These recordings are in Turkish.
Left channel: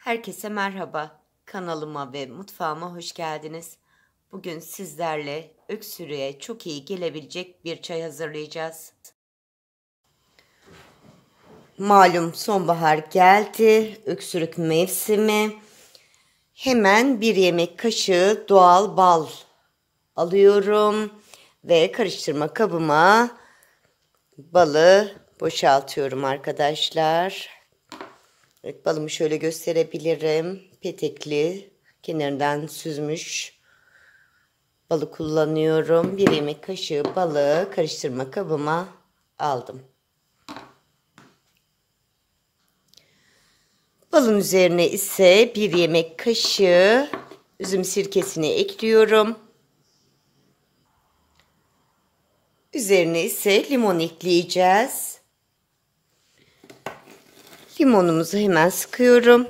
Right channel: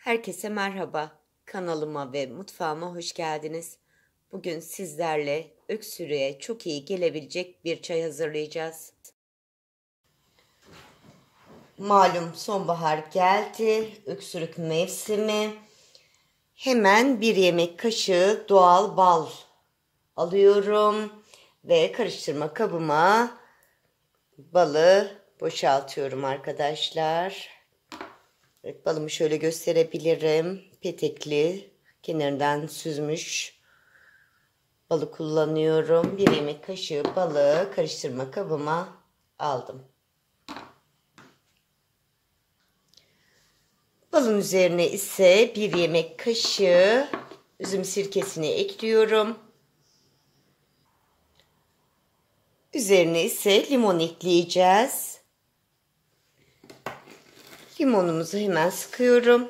Herkese merhaba. Kanalıma ve mutfağıma hoş geldiniz. Bugün sizlerle öksürüğe çok iyi gelebilecek bir çay hazırlayacağız. Malum sonbahar geldi. Öksürük mevsimi. Hemen bir yemek kaşığı doğal bal alıyorum ve karıştırma kabıma balı boşaltıyorum arkadaşlar. Evet, balımı şöyle gösterebilirim. Petekli, kenarından süzmüş balı kullanıyorum. Bir yemek kaşığı balı karıştırma kabıma aldım. Balın üzerine ise bir yemek kaşığı üzüm sirkesini ekliyorum. Üzerine ise limon ekleyeceğiz. Limonumuzu hemen sıkıyorum.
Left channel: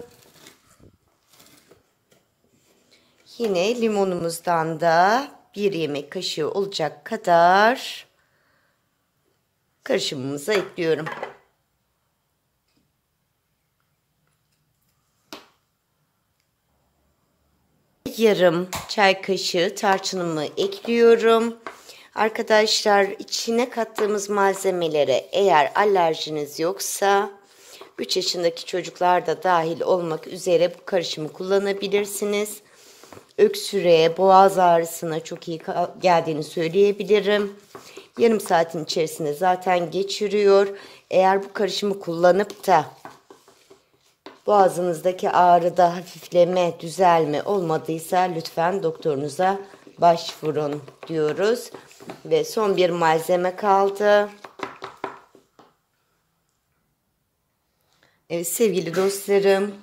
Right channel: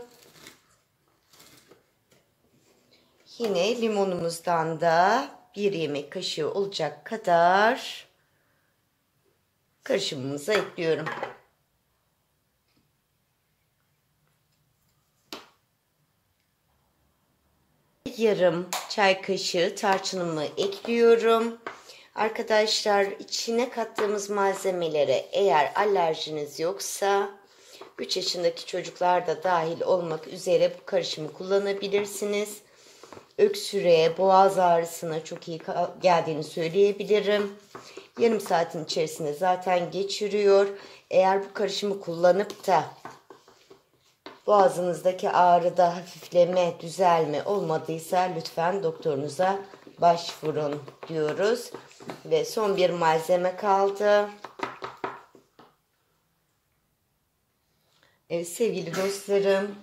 Yine limonumuzdan da bir yemek kaşığı olacak kadar karışımımıza ekliyorum. Yarım çay kaşığı tarçınımı ekliyorum. Arkadaşlar, içine kattığımız malzemelere eğer alerjiniz yoksa 3 yaşındaki çocuklar da dahil olmak üzere bu karışımı kullanabilirsiniz. Öksürüğe, boğaz ağrısına çok iyi geldiğini söyleyebilirim. Yarım saatin içerisinde zaten geçiriyor. Eğer bu karışımı kullanıp da boğazınızdaki ağrıda hafifleme, düzelme olmadıysa lütfen doktorunuza başvurun diyoruz. Ve son bir malzeme kaldı. Evet sevgili dostlarım,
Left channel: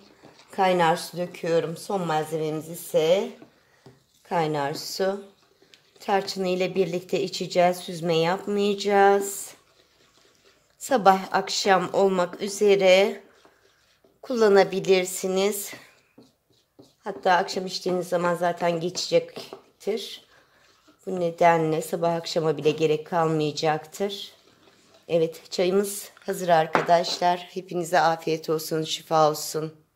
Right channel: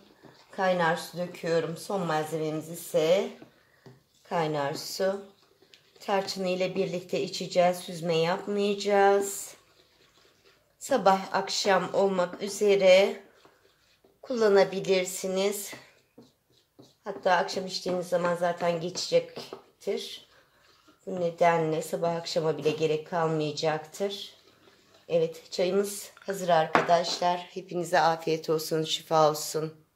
kaynar su döküyorum. Son malzememiz ise kaynar su. Tarçını ile birlikte içeceğiz. Süzme yapmayacağız. Sabah akşam olmak üzere kullanabilirsiniz. Hatta akşam içtiğiniz zaman zaten geçecektir. Bu nedenle sabah akşama bile gerek kalmayacaktır. Evet, çayımız hazır arkadaşlar. Hepinize afiyet olsun, şifa olsun.